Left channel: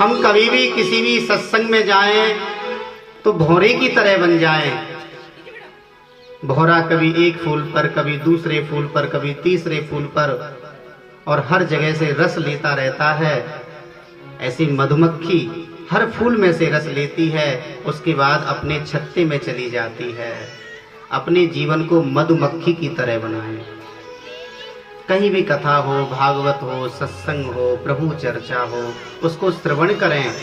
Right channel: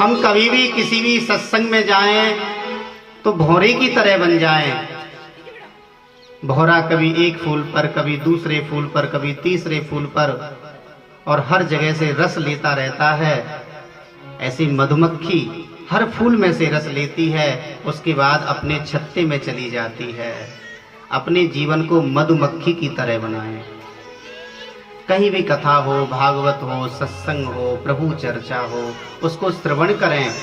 हम कभी भी किसी भी सत्संग में जाएं तो भौरे की तरह बन जाएं। भौरा कभी एक फूल पर, कभी दूसरे फूल पर, कभी तीसरे फूल पर, और हर जगह से रस लेता रहता है। ऐसी मधुमक्खी हर फूल में से रस लेती है, उसके बाद अपने छत्ते में चली जाती है। अपने जीवन को मधुमक्खी की तरह बनाएं। कहीं भी कथा हो, भागवत हो, सत्संग हो, प्रभु चर्चा हो, उसको श्रवण करें।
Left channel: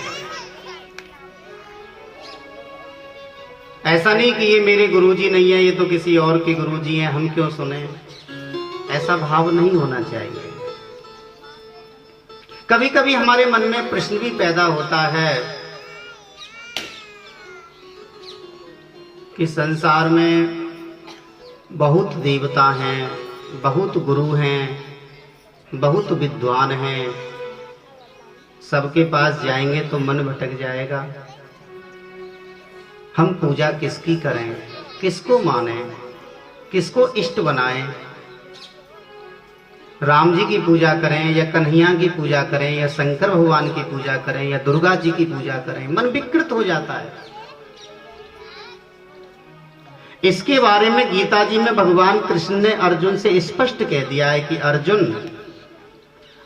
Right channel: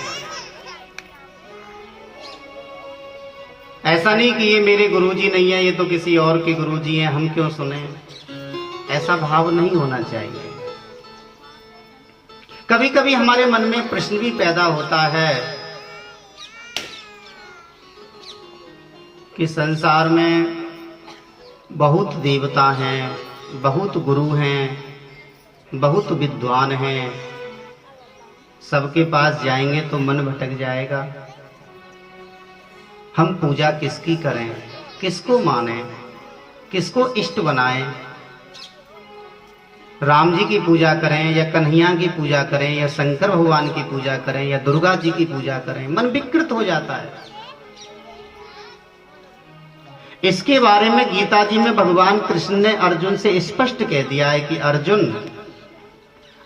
ऐसा नहीं कि ये मेरे गुरुजी नहीं है, ये तो किसी और के गुरुजी हैं, हम क्यों सुने। ऐसा भाव नहीं होना चाहिए। कभी कभी हमारे मन में प्रश्न भी पैदा होता है कि संसार में बहुत देवता हैं, बहुत गुरु हैं, बहुत विद्वान हैं, सबके पास जाएंगे तो मन भटक जाएगा। हम पूजा किसकी करें, किसको माने, किसको इष्ट बनाएं। राम जी की पूजा करें या कन्हैया की पूजा करें या शंकर भगवान की पूजा करें या दुर्गा जी की पूजा करें, मन विकृत हो जाता है। इसके बारे में गीता जी में भगवान कृष्ण ने अर्जुन से स्पष्ट कह दिया है कि अर्जुन,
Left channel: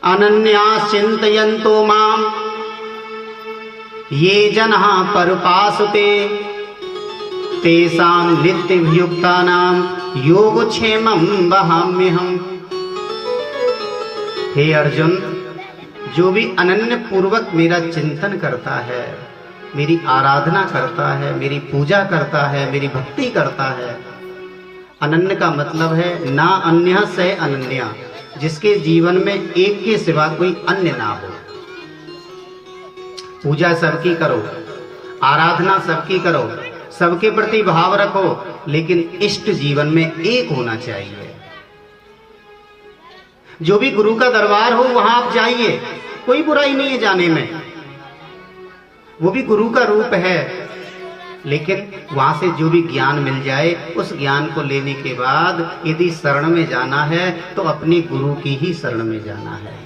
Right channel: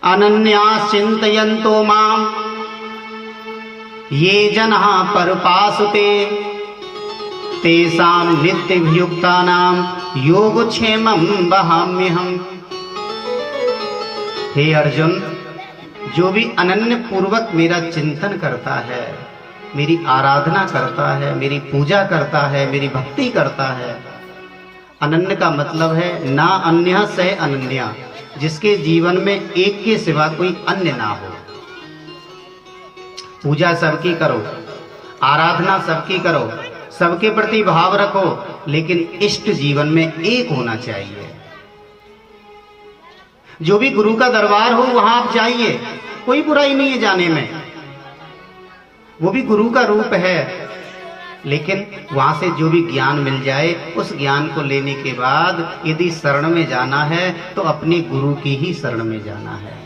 अनन्या चिंतयन्तो माम ये जनाः परपासुते तेषां नित्यभियुक्तानां योगक्षेमं वहाम्यहम्। हे अर्जुन, जो भी अनन्य पूर्वक मेरा चिंतन करता है, मेरी आराधना करता है, मेरी पूजा करता है, मेरी भक्ति करता है। अनन्य का मतलब है ना अन्य से अनन्या, जिसके जीवन में एक के सिवा कोई अन्य ना हो। पूजा सबकी करो, आराधना सबकी करो, सबके प्रति भाव रखो, लेकिन इष्ट जीवन में एक होना चाहिए। जो भी गुरु का दरबार हो वहां आप जाइए, कोई बुराई नहीं है जाने में, वो भी गुरु का रूप है। लेकिन वहां से जो भी ज्ञान मिल जाए, उस ज्ञान को लेने के बाद यदि शरण में जाना है तो अपने गुरु की ही शरण में जाना है।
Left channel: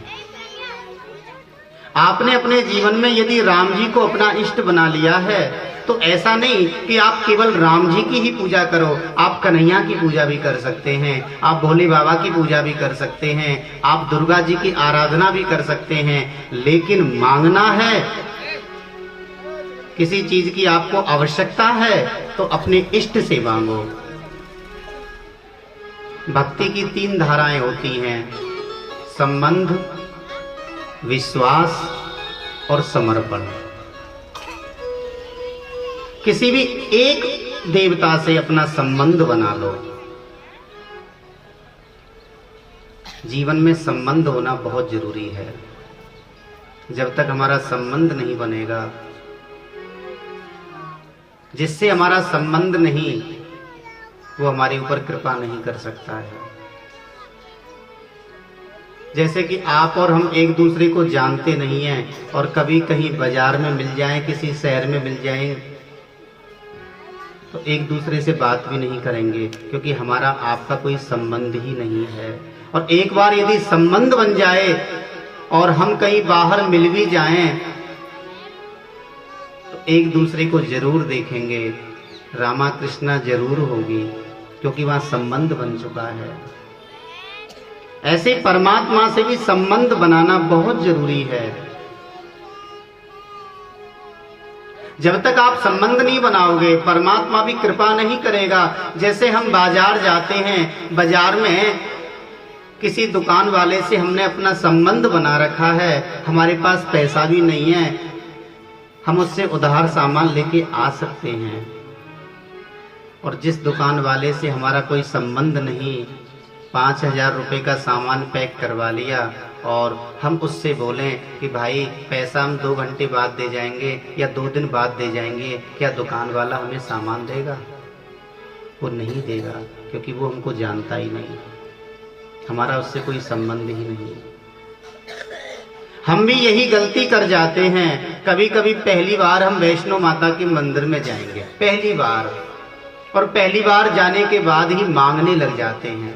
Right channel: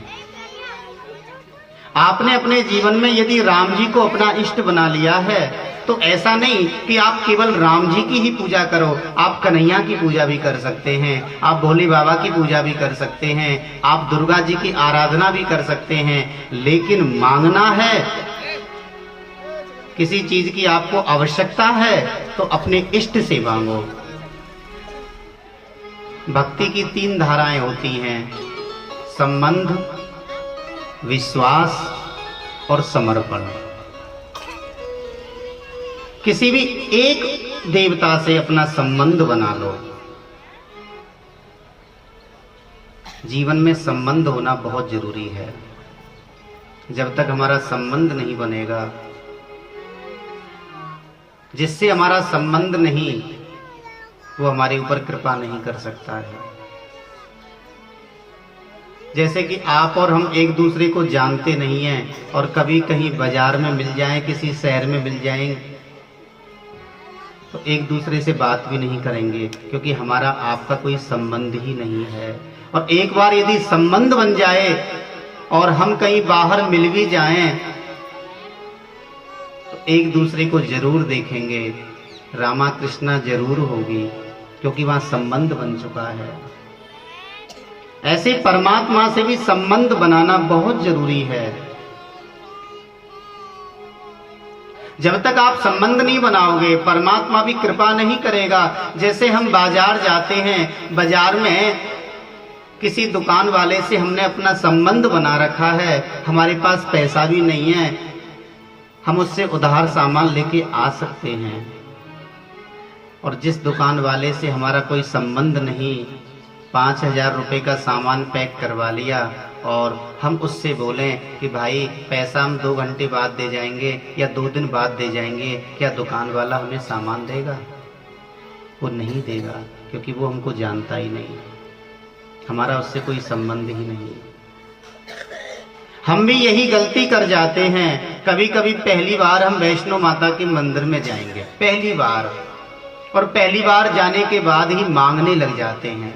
आपने अपने जीवन में यदि राम जी को अपना इष्ट बना लिया है तो ऐसा नहीं कि आप केवल राम जी की ही पूजा करो, आप कन्हैया की पूजा भी कर सकते हैं, आप भोले बाबा की पूजा भी कर सकते हैं, आप दुर्गा जी की आराधना भी कर सकते हैं। लेकिन मांगना है, किसी चीज की आपको आवश्यकता है तो अपने इष्ट से मांगो। भक्ति की 3 धाराएं होती हैं, संबंध, विश्वास और समर्पण। किसी भी एक देवता से अपना संबंध बना लो। जीवन में संबंध होना बहुत जरूरी है। जब तक हमारा संबंध नहीं बनेगा, जिससे हमारा संबंध नहीं, वो हमारे ऊपर कृपा नहीं कर सकता है। जैसे कि आप और हम एक दूसरे को जानते नहीं हैं और कभी कहीं बाजार में मिल जाएं, किसी शहर में मिल जाएं, तो एक दूसरे से बात भी नहीं करेंगे, क्योंकि हमारा आपका कोई संबंध ही नहीं है। और एक बार यदि संबंध बन जाए और हम कहीं बाहर मिल भी जाएं तो एक दूसरे को जरूर देखेंगे, रामा कृष्णा जरूर होगी, क्योंकि वहां संबंध बन चुका है। ऐसे परमात्मा से भी संबंध बनाना बहुत जरूरी है। जब तक आप संबंध नहीं बनाओगे, परमात्मा भी कृपा नहीं करेगा। जैसे हम बाजार जाते हैं, बाजार में किसी दुकान वाले से हमने अपना संबंध बना रखा है, हमारे पास पैसा भी नहीं है, हम उससे उधार सामान लेके आ सकते हैं। और जिस दुकान वाले से हमारा कोई संबंध नहीं, 5,000 रुपए का सामान पैक करवा लिया और हम उससे बोलें कि भाई पैसा हम 2 घंटे बाद दे जाएंगे या 2 दिन बाद दे जाएंगे, क्या दुकान वाला हमें सामान देगा? वो नहीं देगा, क्योंकि वो हमको जानता ही नहीं, हमारा उससे कोई संबंध ही नहीं। हम भी यही गलती कर जाते हैं। कभी कभी पहली बार हम वैष्णो माता के मंदिर में जाएंगे, पहली बार, और पहली बार जाने के बाद ही मांगने लग जाते हैं।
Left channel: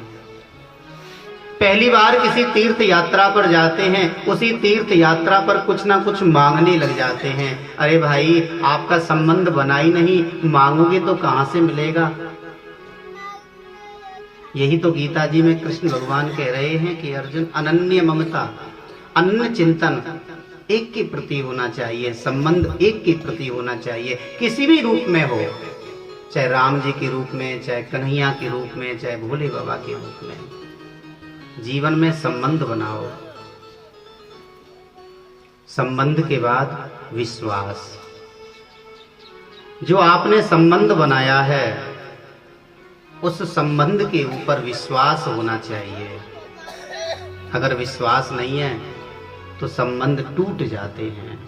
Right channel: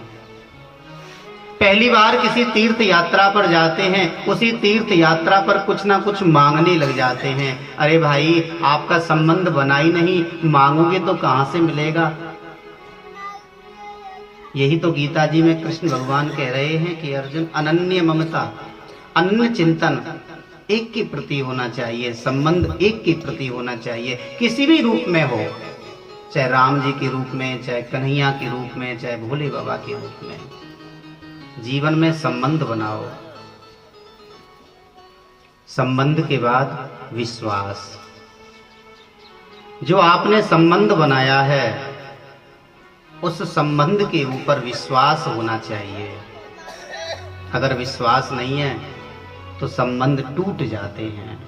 पहली बार किसी तीर्थ यात्रा पर जाते हैं, उसी तीर्थ यात्रा पर कुछ ना कुछ मांगने लग जाते हैं। अरे भाई, आपका संबंध बना ही नहीं, मांगोगे तो कहां से मिलेगा। यही तो गीता जी में कृष्ण भगवान कह रहे हैं कि अर्जुन, अनन्य ममता, अनन्य चिंतन एक के प्रति होना चाहिए, संबंध एक के प्रति होना चाहिए, किसी भी रूप में हो, चाहे राम जी के रूप में, चाहे कन्हैया के रूप में, चाहे भोले बाबा के रूप में। जीवन में संबंध बनाओ। संबंध के बाद विश्वास। जो आपने संबंध बनाया है, उस संबंध के ऊपर विश्वास होना चाहिए। अगर विश्वास नहीं है तो संबंध टूट जाते हैं।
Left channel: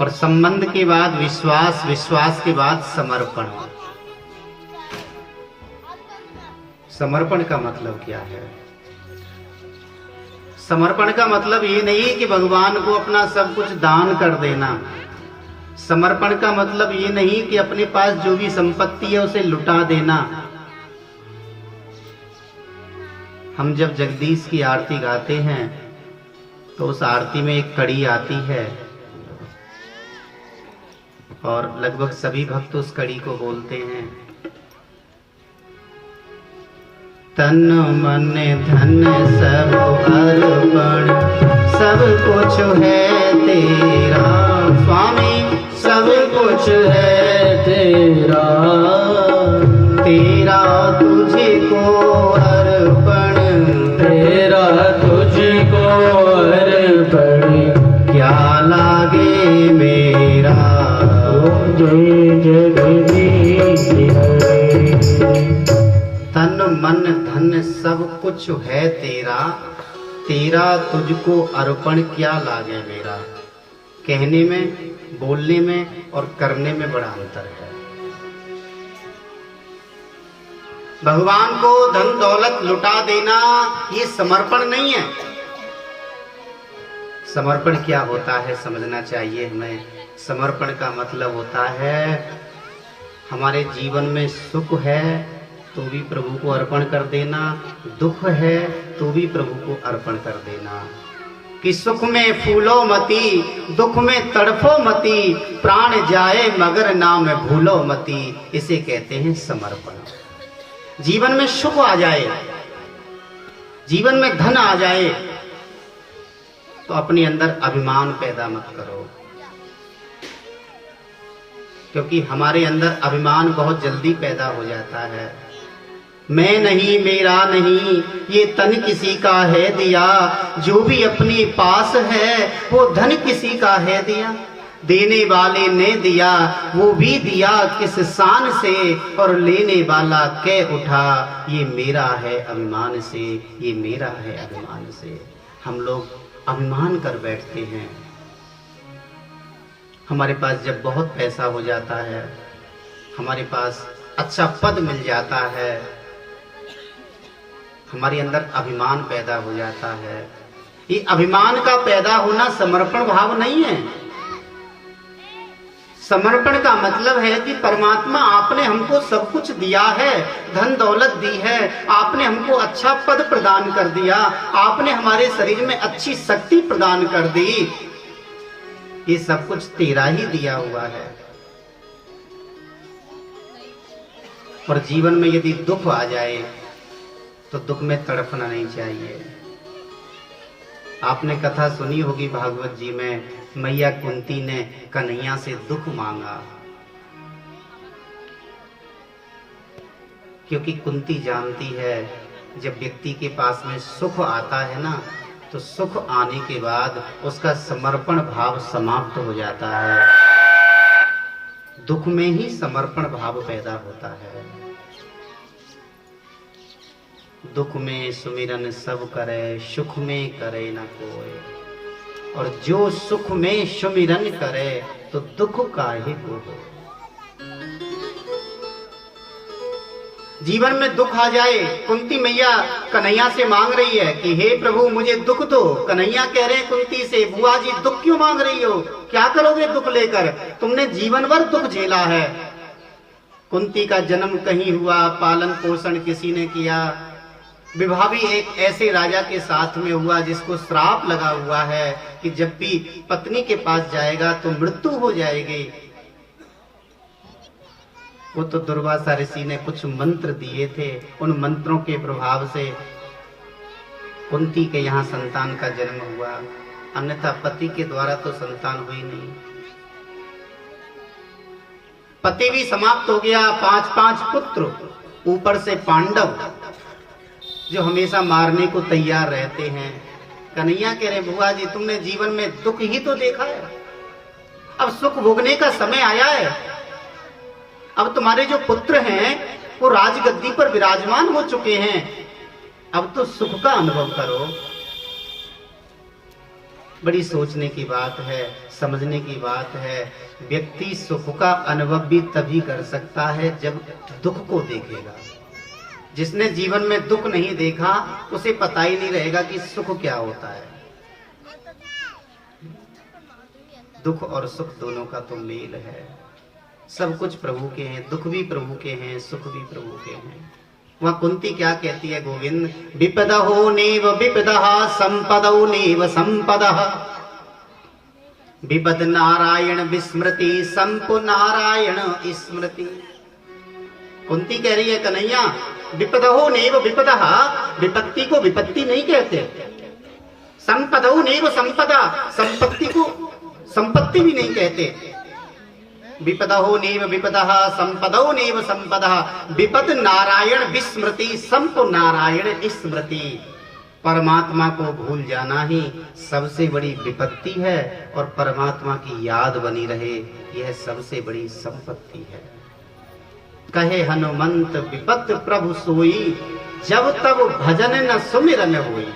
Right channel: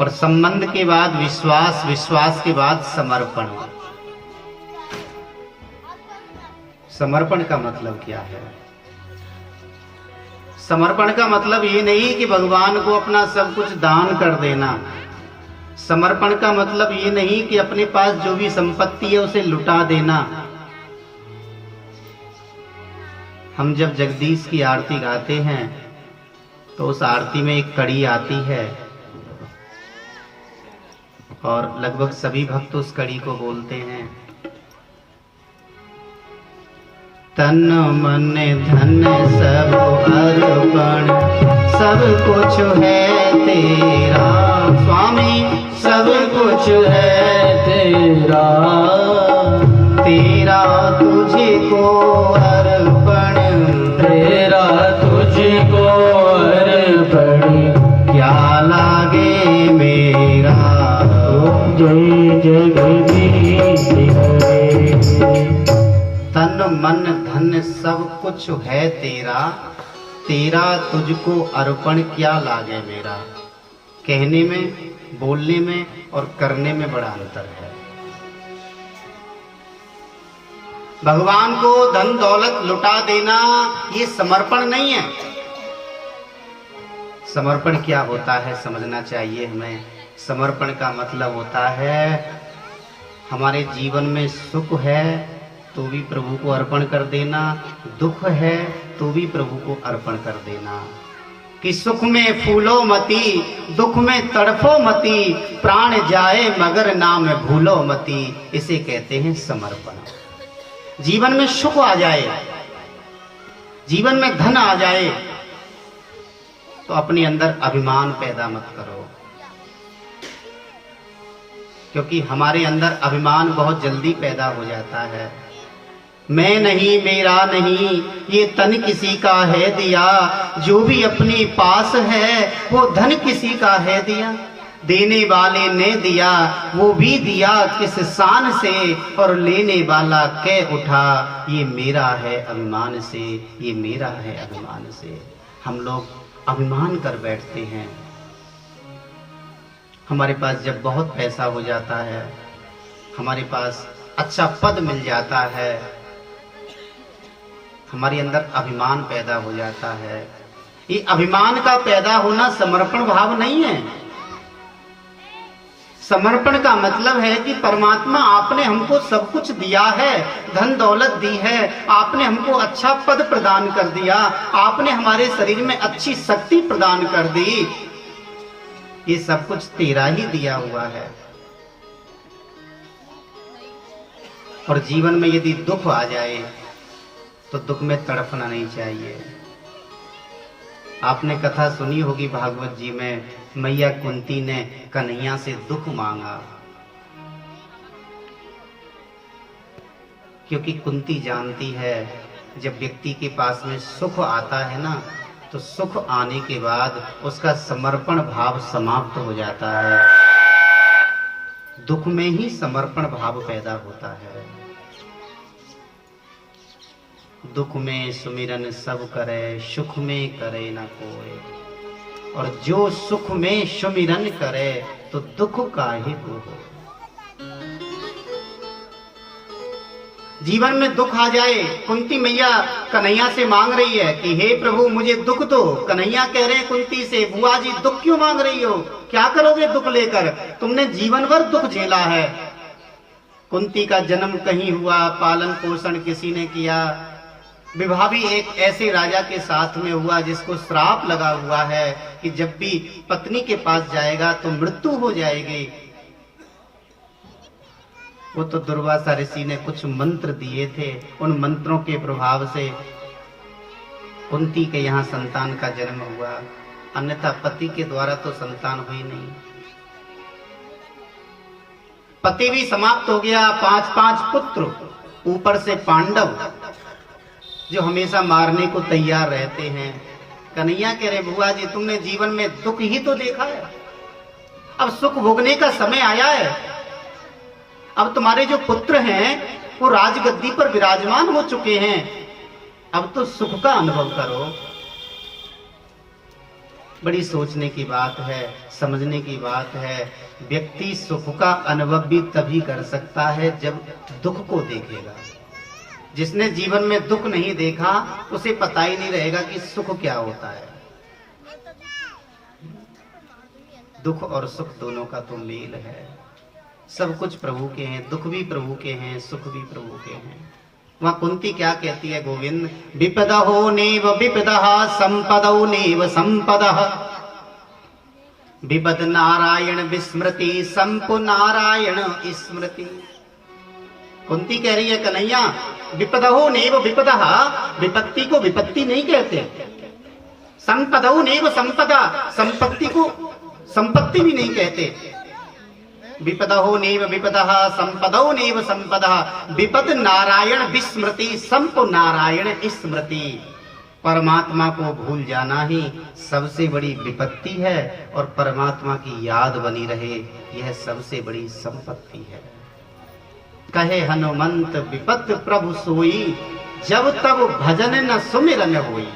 और संबंध के बाद विश्वास, विश्वास के बाद समर्पण। समर्पण का मतलब क्या है? समर्पण का मतलब ये नहीं कि भगवान को अपना सब कुछ दान कर देना। समर्पण का मतलब ये नहीं कि अपने पास जो भी संपत्ति है उसे लुटा देना। हम जब जगदीश की आरती गाते हैं तो उस आरती में एक कड़ी आती है और लगभग सभी भक्त उस कड़ी को बोलते हैं। तन मन धन सब अर्पण, सब कुछ है तेरा स्वामी, सब कुछ है तेरा, तेरा तुझे को अर्पण, तेरा तुझे को अर्पण, क्या लागे मेरा। जय जगदीश हरे। तन मन धन सब कुछ है तेरा, तेरा तुझको अर्पण, क्या लागे मेरा। कहने में, बोलने में और करने में बड़ा अंतर है। भगवान को धन दौलत लुटा देना ये समर्पण नहीं है। समर्पण क्या होता है समझना चाहिए हमें। समर्पण का मतलब होता है हमारे जीवन में सुख है तो भी प्रभु को अर्पण कर देना, दुख है तो भी प्रभु को अर्पण कर देना। कि सुख में फूलो मती, दुख में तड़फो मती, प्राण जाए मगर नाम भूलो मती। इसे कहते हैं समर्पण। जीवन में सुख आ जाए, जीवन में धन आ जाए तो अपने अंदर अभिमान पैदा मत करो, क्योंकि हमारे अंदर अभिमान बहुत जल्दी पैदा हो जाता है। मैं नहीं, मेरा नहीं, ये तन किसी का है दिया, जो भी अपने पास है वो धन किसी का है दिया। देने वाले ने दिया, वो भी दिया किस शान से, और लेने वाला कह उठा ये मेरा है अभिमान से, ये मेरा है अभिमान से। हम लोग अभिमान कर बैठते हैं। हमारे पास जब बहुत पैसा हो जाता है, हमारे पास अच्छा पद मिल जाता है, हमारे अंदर अभिमान पैदा हो जाता है। ये अभिमान का पैदा होना समर्पण भाव नहीं है। समर्पण का मतलब है कि परमात्मा आपने हमको सब कुछ दिया है, धन दौलत दी है, आपने हमको अच्छा पद प्रदान कर दिया, आपने हमारे शरीर में अच्छी शक्ति प्रदान कर दी, ये सब कुछ तेरा ही दिया हुआ है। और जीवन में यदि दुख आ जाए तो दुख में तड़पना नहीं चाहिए। आपने कथा सुनी होगी भागवत जी में, मैया कुंती ने कन्हैया से दुख मांगा, क्योंकि कुंती जानती है जब व्यक्ति के पास में सुख आता है ना, तो सुख आने के बाद उसका समर्पण भाव समाप्त हो जाता है। दुख में ही समर्पण भाव पैदा होता है। दुख में सुमिरन सब करे, सुख में करे न कोई, और जो सुख में सुमिरन करे तो दुख काहे को हो। जीवन में दुख आ जाए, कुंती मैया कन्हैया से मांग रही है कि हे प्रभु मुझे दुख दो। कन्हैया कह रहे हैं कुंती से, बुआ जी दुख क्यों मांग रही हो, क्या करोगे दुख लेकर, तुमने जीवन भर दुख झेला है। कुंती का जन्म कहीं हुआ, पालन पोषण किसी ने किया, विवाह भी एक ऐसे राजा के साथ में हुआ जिसको श्राप लगा हुआ है कि जब भी पत्नी के पास जाएगा तो मृत्यु हो जाएगी। वो तो दुर्वासा ऋषि ने कुछ मंत्र दिए थे, उन मंत्रों के प्रभाव से कुंती के यहाँ संतान का जन्म हुआ, अन्यथा पति के द्वारा तो संतान हुई नहीं। पति भी समाप्त हो गया, 5-5 पुत्र, ऊपर से पांडव जो हमेशा मारने को तैयार रहते हैं। कन्हैया कह रहे बुआ जी तुमने जीवन में दुख ही तो देखा है, अब सुख भोगने का समय आया है। अब तुम्हारे जो पुत्र हैं वो राजगद्दी पर विराजमान हो चुके हैं, अब तो सुख का अनुभव करो। बड़ी सोचने की बात है, समझने की बात है। व्यक्ति सुख का अनुभव भी तभी कर सकता है जब दुख को देखेगा। जिसने जीवन में दुख नहीं देखा उसे पता ही नहीं रहेगा कि सुख क्या होता है। दुख और सुख दोनों का तो मेल है। सब कुछ प्रभु के हैं, दुख भी प्रभु के हैं, सुख भी प्रभु के हैं। वहां कुंती क्या कहती है गोविंद, विपदहो नेव विपदः संपदौ नेव संपदः, विपद नारायण विस्मृति संपु नारायण स्मृति। कुंती कह रही है कन्हैया विपदहो नेव विपदः, विपत्ति को विपत्ति नहीं कहते। संपदौ नेव संपदा, संपत्ति को संपत्ति भी नहीं कहते। विपदहो नेव विपदः संपदौ नेव संपदः, विपद नारायण विस्मृति संप नारायण स्मृति। परमात्मा को भूल जाना ही सबसे बड़ी विपत्ति है और परमात्मा की याद बनी रहे यह सबसे बड़ी संपत्ति है। कहे हनुमंत विपत प्रभु सोई, जब तब भजन न सुमिरन होई।